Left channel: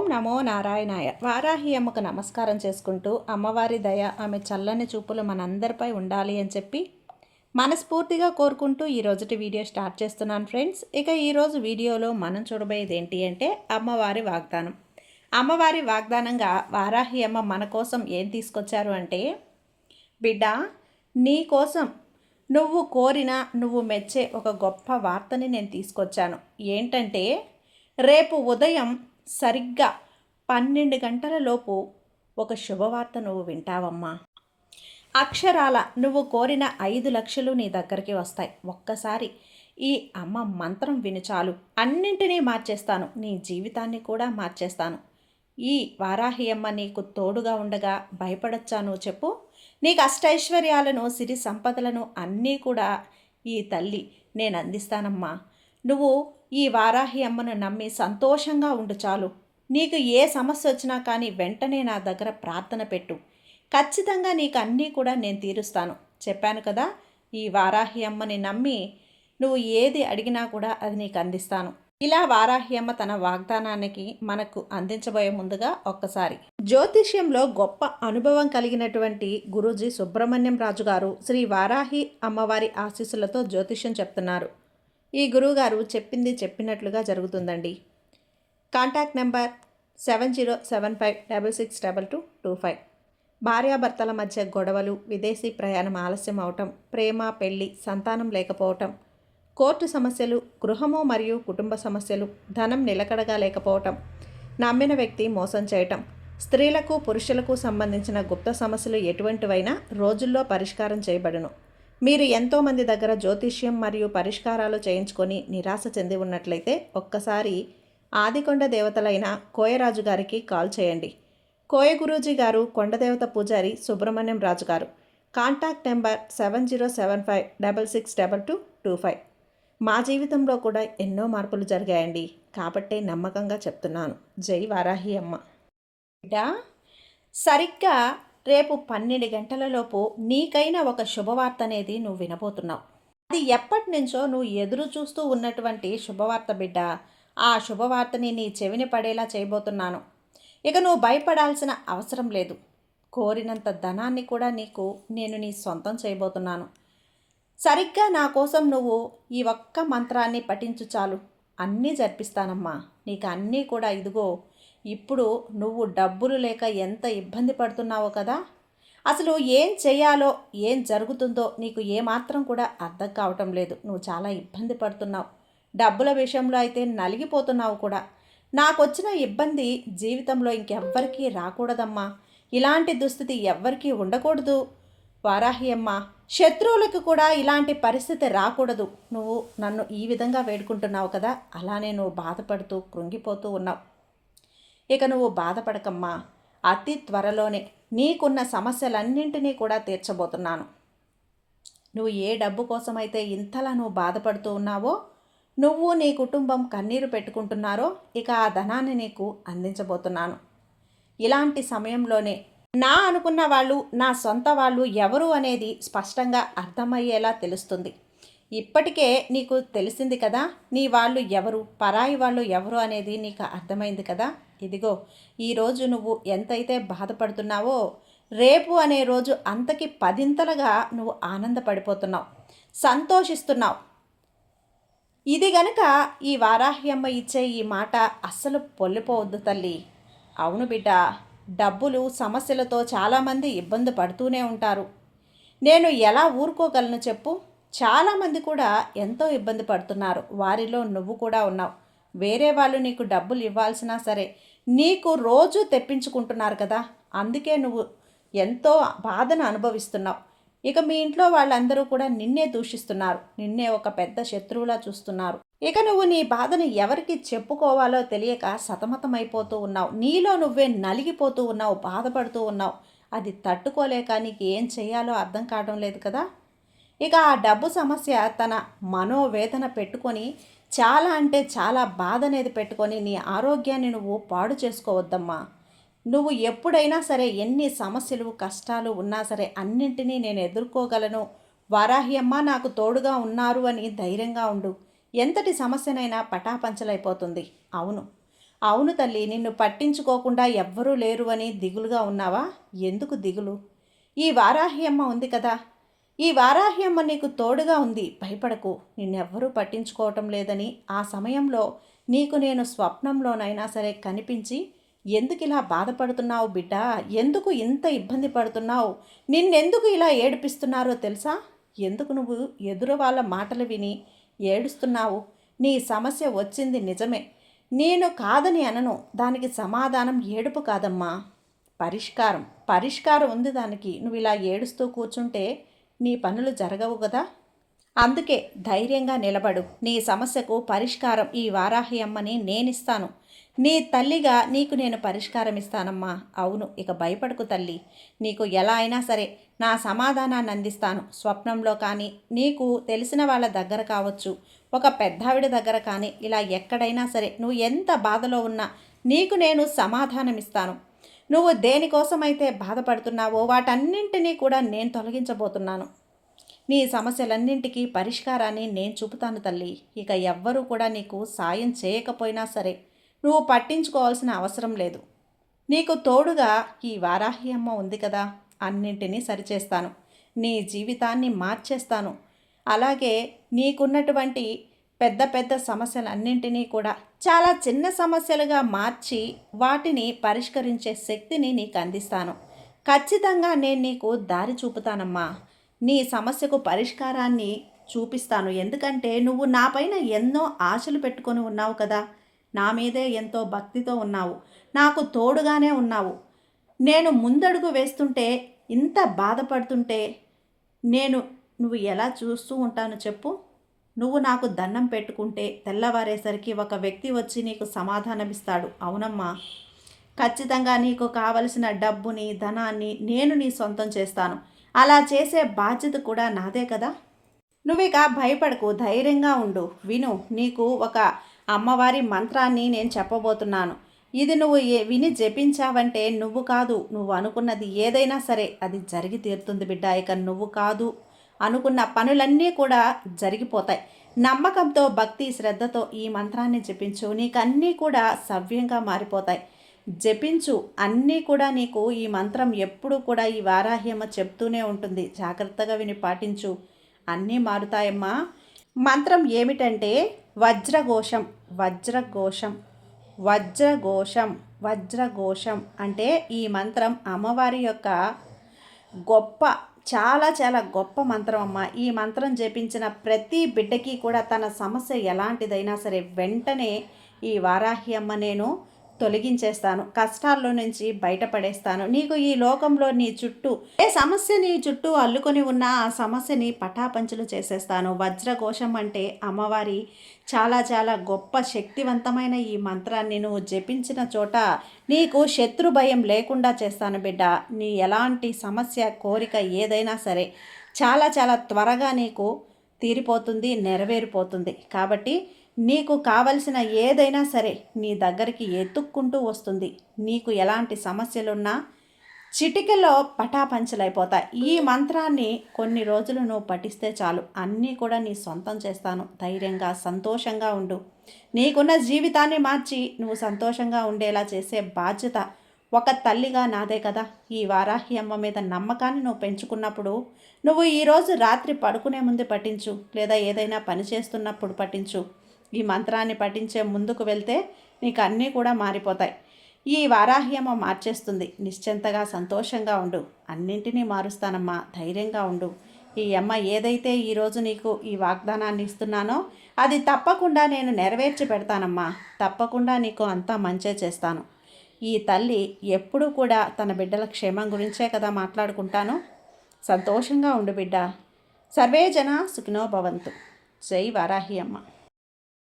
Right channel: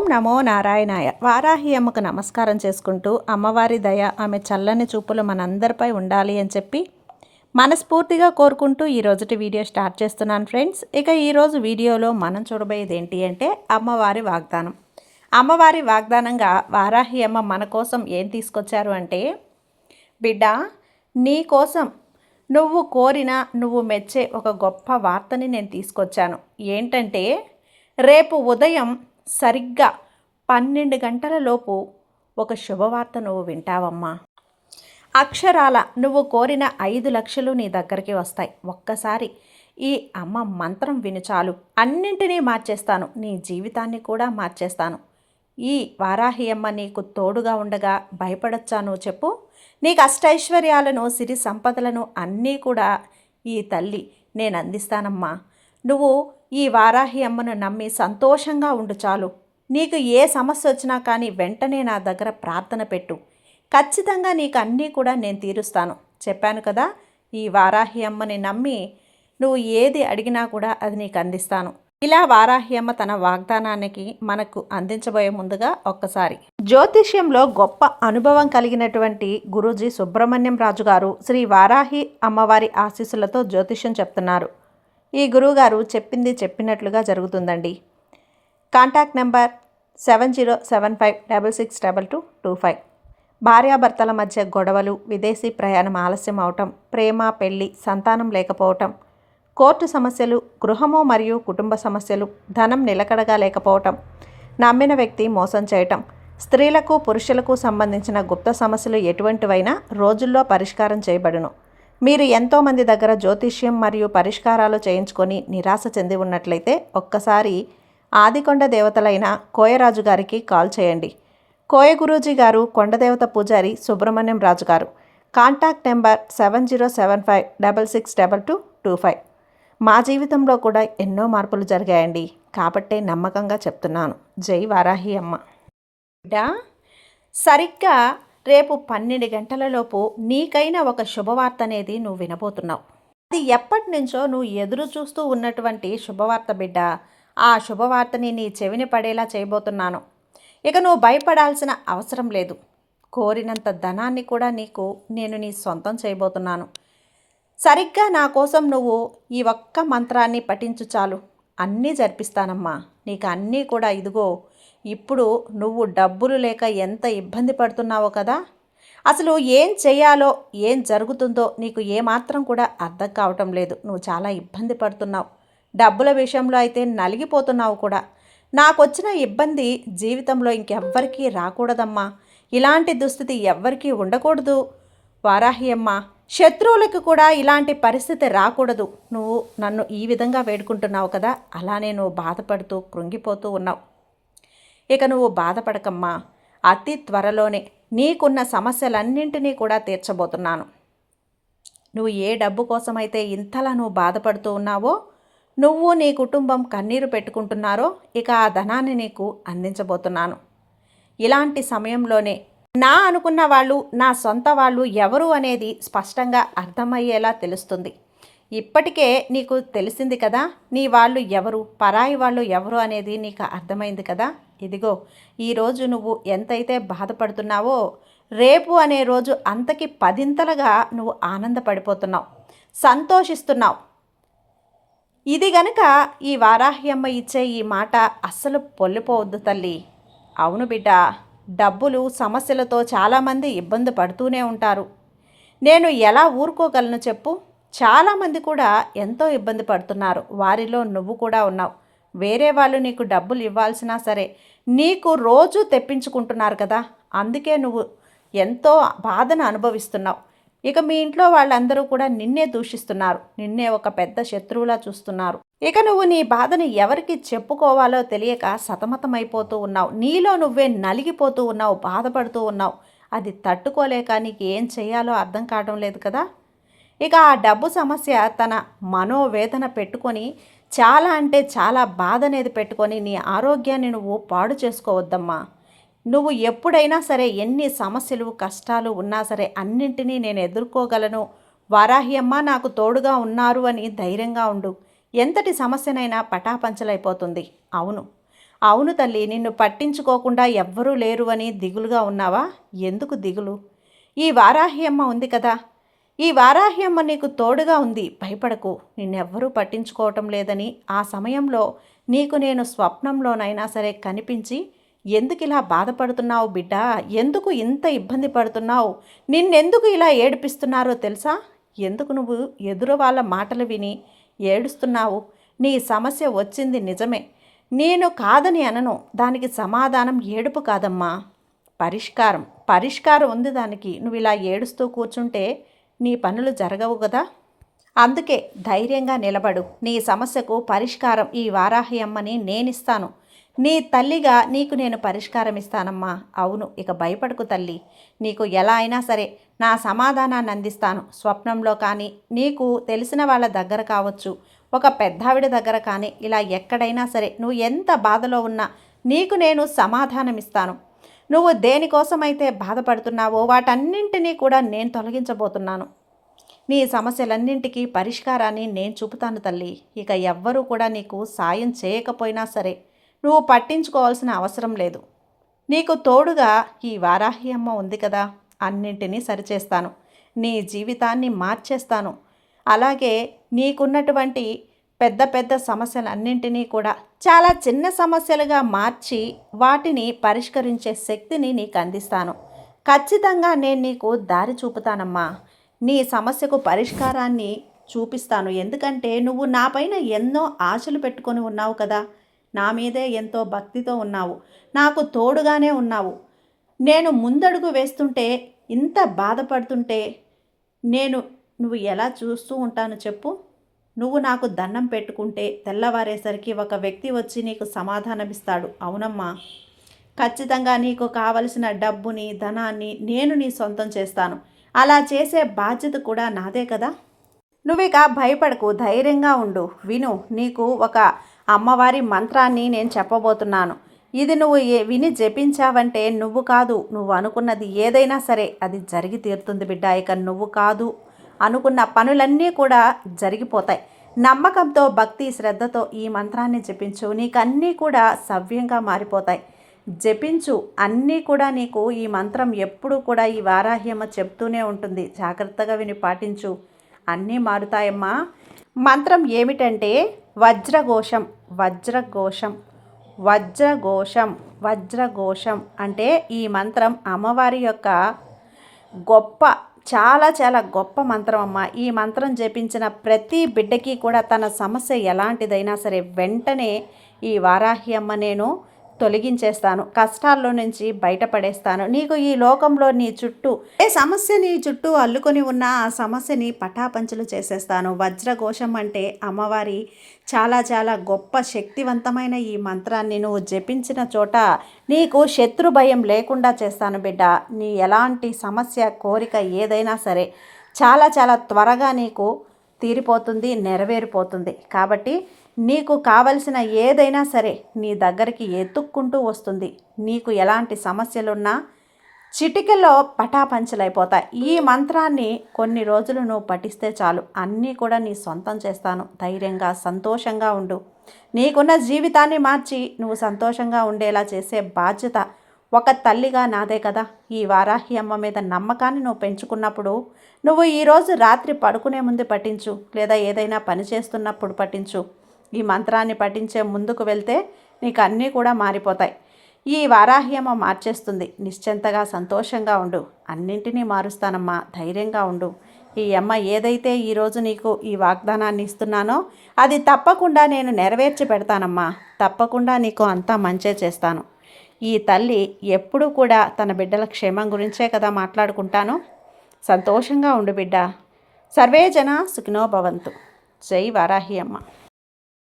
ఓం నమో నారాయణాయ. వారాహి అమ్మకు నమస్కారం చేసుకుంటూ అమ్మవారి దయ, ఆమె చల్లని చూపులు మనందరిపై ఉండాలి అని చెప్పి మనస్ఫూర్తిగా కోరుకుంటూ ఈరోజుటి వీడియో స్టార్ట్ చేస్తున్నాను ఫ్రెండ్స్. ఇక ఈరోజు వీడియోలో మనం చూడబోయేది ఏంటి అంటే అమ్మవారి వాగ్దానం. అమ్మవారి వాగ్దానంగా వారాహి అమ్మ మన కోసం ఏం తీసుకొచ్చారు అంటే, బిడ్డ, నీ కోసం నువ్వు కోరిన, నువ్వు మెచ్చే ఒక గొప్ప వార్తని నేను తీసుకొచ్చాను. ఏంటంటే, రేపు ఉదయం సరిగ్గా 12 గంటల లోపు ఒక శుభవార్త నువ్వు వింటావమ్మా. అక్షరాల నువ్వు కోరిన 5 లక్షలు నీ దగ్గరికి వస్తాయి. ఒక్కసారి ఈ అమ్మ మంత్రం విను చాలు, అన్నింటినీ మార్చేస్తాను, నీ జీవితాన్ని కూడా మార్చేస్తాను. ఈ వారాహి అమ్మ నీకు తోడుగా ఉండగా భయపడొచ్చా నువ్వు చెప్పు? నీకు అష్టైశ్వర్యాలను, సిరి సంపదలను అన్నీ కూడా ఈ తల్లి నేను అందిస్తానమ్మా. నువ్వు ఈ వారాహి అమ్మను నమ్మి సంతోషంగా ఉండు చాలు. నీకు ఏ సమస్య వచ్చినా కానీ వెంటనే నా దగ్గర ప్రార్థన పెట్టు. ఖచ్చితంగా నీకు అన్నీ కూడా నేను తీరుస్తాను. చెప్పాను కదా, ఈ వారాహి అమ్మని నమ్మి నువ్వు ఏది అడిగినా కూడా అది నీకు అందిస్తాను. ఇలా వారాహి అమ్మ తన వాగ్దానానికి మనకు అందించబోయే ముందుగా ఒక్కసారి జ్యోతిష్యంలో గొప్ప అనుభవం కలిగినటువంటి గురూజీ సుబ్రహ్మణ్యం రాజు గారు శ్రీ వారాహి అమ్మవారి ఆశీస్సులతో జ్యోతిష్యం చెప్తున్నారు. ఈ గురువుగారు చెప్పింది చెప్పినట్లుగా జరుగుతుందండి. Contact number 7075662225. భార్యాభర్తల మధ్య గొడవలు, విదేశీ ప్రయాణం ఆలస్యం అవటం, ప్రేమ, పెళ్లి, సంతానం లేకపోవటం, కోర్టు సమస్యలు, గృహము మరియు కుటుంబ సమస్యలు, ధనం నిలకడగా లేకపోవటం, నమ్మిన వ్యక్తి మోసం చేయటం, స్త్రీలకు పురుషులకు సంబంధించిన గుప్త సమస్యలు ఎటువంటివైనా రోజుల్లో పరిష్కారం చేయబడును. మీరు ఎంతోమంది దగ్గర జ్యోతిష్యం మరియు పరిష్కారాలు చేయించుకొని నిరాశ చెంది ఉన్నట్లయితే ఒక్కసారి ఆదికొండ దేవతలైన కోయరాజు గారికి కాల్ చేయండి. కోయ గురూజీ గారు కొండదేవత పూజారి సుబ్రహ్మణ్యం రాజు గారు. Contact number 7075662225. మా జీవితంలో కూడా ఎన్నో మార్పులు జరిగాయండి, కాబట్టే నమ్మకంగా చెప్తున్నాను. జై వారాహి అమ్మ. సరిగ్గా రేపు 12 గంటలలోపు నీకైన ఒక శుభవార్త అనేది నువ్వు వినబోతున్నావు. అది ఎప్పటి నుంచో నువ్వు ఎదురు చూస్తూ ఉన్నటువంటి శుభవార్త బిడ్డ. ఆ శుభవార్తని నీ చెవిని పడేలా చేయబోతున్నాను. ఇక నువ్వు భయపడాల్సిన అవసరం లేదు. కోరినంత ధనాన్ని కూడా నేను నీ సొంతం చేయబోతున్నాను. సరిగ్గా నా కోసం నువ్వు ఈ ఒక్క మంత్రాన్ని పఠించు చాలు, అన్నీ జరిపిస్తానమ్మా. నీకు అన్నీ కూడా ఇదిగో. ఇప్పుడు నువ్వు డబ్బులు లేక ఎంత ఇబ్బంది పడుతున్నావో కదా, అసలు ఏం చేయాలో, ఏం జరుగుతుందో నీకు ఏమాత్రం కూడా అర్థం కావటం లేదు. నువ్వు చాలా ఇబ్బంది పడుతున్నావు. డబ్బుల విషయంలో అయితే నలిగిపోతున్నావు కూడా. నాకు వచ్చిన ఇబ్బంది జీవితంలో ఇంకెవ్వరికీ రాకూడదమ్మా. ఇలాంటి దుస్థితి ఎవ్వరికీ ఉండకూడదు వారాహి అమ్మ. శత్రువులకు కూడా ఇలాంటి పరిస్థితి రాకూడదు. నువ్వు నన్ను ఈ విధంగా వేడుకుంటున్నావు కదా, అలానే నువ్వు బాధపడుతూ కృంగిపోతూ ఉన్నావు. ఇక నువ్వు బాధపడకమ్మా. అతి త్వరలోనే నీకున్న సమస్యలన్నింటినీ కూడా తీర్చబోతున్నాను. నువ్వు ఏ డబ్బు కోసమైతే ఇంతలా నువ్వు బాధపడుతూ ఉన్నావో, నువ్వు నీ కుటుంబం కన్నీరు పెట్టుకుంటున్నారో, ఇక ఆ ధనాన్ని నీకు అందించబోతున్నాను. ఇలాంటి సమయంలోనే నా అనుకున్న వాళ్ళు, నా సొంత వాళ్ళు ఎవరు అనేది స్పష్టంగా అర్థమయ్యేలా తెలుస్తుంది. ఇప్పటికే నీకు తెలిసింది కదా, నీ వాళ్ళు ఎవరు, పరాయి వాళ్ళు ఎవరు అనేది నీకు అర్థమైంది కదా. ఇదిగో, ఈరోజు నువ్వు ఎంతైతే బాధపడుతున్నావో, రేపు అనే రోజు అంతకి 10ంతలుగా నువ్వు ఆనందపడిపోతున్నావు, సంతోషిస్తున్నావు. ఇది గనక ఈ వారాహి అమ్మ ఇచ్చే ఈ మాట అస్సలు పొల్లిపోవద్దు తల్లి. అవును బిడ్డ, డబ్బులు సమస్యలతో చాలామంది ఇబ్బంది పడుతూనే ఉంటారు. నేను ఎలా ఊరుకోగలను చెప్పు? చాలామంది కూడా ఎంతో ఇబ్బంది పడుతున్నారు. వారిలో నువ్వు కూడా ఉన్నావు. వేరే వాళ్ళు నీకు డబ్బులు ఇవ్వాల్సినా సరే నీకు రోజు తెప్పించుకుంటున్నారు కదా, అందుకే నువ్వు ఎంతో బాధను అనుభవిస్తున్నావు. ఇక మీ ఇంట్లో వాళ్ళందరూ కూడా నిన్నే దూషిస్తున్నారు, నిన్నే ఒక పెద్ద శత్రువులా చూస్తున్నారు. ఇక నువ్వు నీ బాధని ఎవరికి చెప్పుకోవాలో తెలియక సతమతమైపోతూ ఉన్నావు. నీలో నువ్వే నలిగిపోతూ ఉన్నావు, బాధపడుతూ ఉన్నావు. అది తట్టుకోలేక నీకు ఏం చేయాలో అర్థం కావడం లేదు కదా. ఇక ఆ డబ్బు సమస్య తన మనోవేదన పెట్టుకొని, చాలా అంటే చాలా బాధ అనేది పెట్టుకొని నీ ఆరోగ్యాన్ని నువ్వు పాడు చేసుకోవద్దమ్మా. నువ్వు ఎప్పుడైనా సరే ఎన్ని సమస్యలు, కష్టాలు ఉన్నా సరే అన్నింటినీ నేను ఎదుర్కోగలను, వారాహి అమ్మ నాకు తోడుగా ఉన్నారు అని ధైర్యంగా ఉండు. ఎంతటి సమస్యనైనా పటాపంచలైపోతుంది. అవును, అవును తల్లి, నిన్ను పట్టించుకోకుండా ఎవ్వరూ లేరు అని దిగులుగా ఉన్నావా? ఎందుకు దిగులు? ఈ వారాహి అమ్మ ఉంది కదా! ఈ వారాహి అమ్మ నీకు తోడుగా ఉంది. భయపడకు. నిన్నెవ్వరూ పట్టించుకోవటం లేదని ఆ సమయంలో నీకు నేను స్వప్నంలోనైనా సరే కనిపించి, ఎందుకిలా బాధపడుతున్నావు బిడ్డా? ఎందుకు ఇంత ఇబ్బంది పడుతున్నావు? నిన్నెందుకు ఇలా ఏడిపిస్తున్నారో తెలుసా? ఎందుకు నువ్వు ఎదురు వాళ్ళ మాటలు విని ఏడుస్తున్నావు? నీ సమస్య వచ్చింది నిజమే. నేను కాదని అనను. దానికి సమాధానం ఏడుపు కాదమ్మా, పరిష్కారం. పరిష్కారం ఉంది దానికి. నువ్వు ఇలా ఏడుస్తూ కూర్చుంటే నీ పనులు జరగవు కదా! అందుకే ధైర్యంగా నిలబడు. నీ సమస్యకు పరిష్కారం ఈ వారాహి అమ్మని నేనిస్తాను. నీ తల్లిగా నీకు నేను పరిష్కారం ఇస్తానమ్మా. అవును, ఇక భయపడకు తల్లి. నీకు ఎలా అయినా సరే నా సమాధానాన్ని అందిస్తాను. స్వప్నంలో కానీ, నీకు తెలిసిన వాళ్ళ దగ్గర కావచ్చు, ఒక పెద్దావిడ దగ్గర కానీ, ఇలా ఎక్కడైనా సరే నువ్వు ఎంత బాధలో ఉన్నా నీకు నేను సమాధానం ఇస్తాను. నువ్వు దేనికోసమైతే బాధపడుతున్నావో వాటన్నింటినీ కూడా నేను తొలగించబోతున్నాను. నీ సమస్యలన్నింటికీ పరిష్కారాన్ని నేను చూపుతాను తల్లి. ఇక ఎవ్వరూ కూడా నీకు సాయం చేయకపోయినా సరే నువ్వు పట్టించుకోవాల్సిన అవసరం లేదు. నీకు తోడుగా ఈ వారాహి అమ్మ ఉంది కదా! అన్నింటినీ సరిచేస్తాను. నీ జీవితాన్ని మార్చేస్తాను. అలాగే నీకున్నటువంటి పెద్ద పెద్ద సమస్యలన్నింటినీ కూడా చాలా చిన్న సమస్యలుగా మార్చి వాటిని పరిష్కరించే శక్తిని నీకు అందిస్తాను. ఖచ్చితంగా నేను నీకు దారి చూపుతానమ్మా. నీ సమస్యకు పరిష్కారాన్ని చూపిస్తాను. ఎందుకంటే నువ్వు నాపైన ఎన్నో ఆశలు పెట్టుకొని ఉన్నావు కదా! నా మీదే ఎంతో భక్తితో ఉన్నావు. నాకు తోడుగానే ఉన్నావు. నేను ముందడుగు వేస్తుంటే, ఇంత బాధపడుతుంటే నువ్వు ఎలా చూస్తూ ఉంటాను చెప్పు? నువ్వు నాకు దండం పెట్టుకుంటే తెల్లవారేసరికి ఒక వ్యక్తి వచ్చి నీకు సమాధానమిస్తాడు. అవునమ్మా, ఖచ్చితంగా నీకు కావలసిన డబ్బుని, ధనాన్ని నేను నీ సొంతం చేస్తాను. అలా చేసే బాధ్యత కూడా నాదే కదా! నువ్విక భయపడకు, ధైర్యంగా ఉండు. విను, నీకు ఒక అమ్మవారి మంత్రాన్ని నేను చెప్పబోతున్నాను. ఇది నువ్వు విని జపించావంటే నువ్వు కాదు, నువ్వు అనుకున్నది ఏదైనా సరే అది జరిగి తీరుతుంది బిడ్డ. ఇక నువ్వు కాదు అనుకున్న పనులన్నీ కూడా జరిగిపోతాయి. నమ్మకంతో, భక్తి, శ్రద్ధతో ఈ మంత్రాన్ని జపించు. నీకు అన్నీ కూడా సవ్యంగా మారిపోతాయి. జపించు, అన్నీ కూడా నీకు ఈ మంత్రం ఎప్పుడూ కూడా ఈ వారాహ్యమ్మ చెప్తూనే ఉంటుంది. జాగ్రత్తగా విని పాటించు, అన్నీ మారుతాయమ్మా. మంత్రం ఏమిటంటే వజ్రఘోషం. వజ్రఘోషం, వజ్రఘోషం, వజ్రఘోషం అంటే ఈ మంత్రం అమ్మవారి యొక్క గొప్ప, చాలా చాలా గొప్ప మంత్రం అమ్మ. ఈ మంత్రం జపించిన ప్రతి బిడ్డకి కూడా తన సమస్య ఎలాంటిదైనా సరే వెంటనే ఈ వారాహి అమ్మ నేను తొలగించేస్తాను. కష్టాల్లో నుంచి బయటపడేస్తాను. నీకు ఈ లోకంలో నీ చుట్టూ ఏ సమస్య నీ చుట్టూ అల్లుకొని ఉన్నా ఆ సమస్యని పటాపంచలు చేసేస్తాను. వజ్రఘోషం అంటే అమ్మవారి చాలా చాలా గొప్ప శక్తివంతమైన ఈ మంత్రాన్ని నువ్వు జపించిన చోట నీకు శత్రు భయం లేకుండా చేస్తాను బిడ్డ. నీ ఎలాంటి సమస్య, కోరిక ఏదైనా సరే చాలా చాలా త్వరగా నీకు తీరిపోతుంది, నెరవేరిపోతుంది. కాబట్టి నీకు కావలసిన ఏదైనా సరే నీ దగ్గరికి ఎత్తుక్కుంటూ వస్తుంది. నీకు ఎలాంటి సమస్యలున్నా చిటికలో పటాపంచలైపోతాయి. ఈ మంత్రాన్ని కొన్ని రోజులు నువ్వు పఠిస్తే చాలు, అన్నీ కూడా నీ సొంతం చేస్తాను. ధైర్యంగా, సంతోషంగా ఉండు. నీకున్న జీవితాన్ని మార్చి నువ్వు సంతోషంగా ఉండేలా చేసే బాధ్యత ఒక తల్లిగా నాదే కదా. ఈ వారాహి అమ్మ మీద నమ్మకాన్ని నువ్వు పెంచుకున్నప్పుడు నువ్వు ఈరోజు రాత్రి పడుకునే ముందు పఠించు, లేదా ఏదైనా పని చేస్తున్నప్పుడు పఠించు. ఈ మంత్రాన్ని పఠించే ముందుకు వెళ్తే నీకు అన్నీ కూడా మారిపోతాయి. ఈ వారాహి అమ్మ మార్చేస్తుంది. నిశ్చింతగా, సంతోషంగా ఉండు. అన్నింటినీ మారుస్తానమ్మా, ధైర్యంగా ఉండు. ఈ అమ్మ ఏదైతే ఈరోజు నీకు ఈ వాగ్దానాన్ని ఇస్తున్నానో అది తప్పకుండా నేను నెరవేర్చి పెడతానమ్మా. తప్పకుండా నీకు అంతా మంచే చేస్తాను. ఈ తల్లి ఎప్పుడూ కూడా తన బిడ్డల క్షేమం గురించే కదా మాట్లాడుకుంటాను. సంతోషంగా ఉండు బిడ్డ. సర్వే జన సుఖినో భవంతు. జై వారాహి అమ్మ.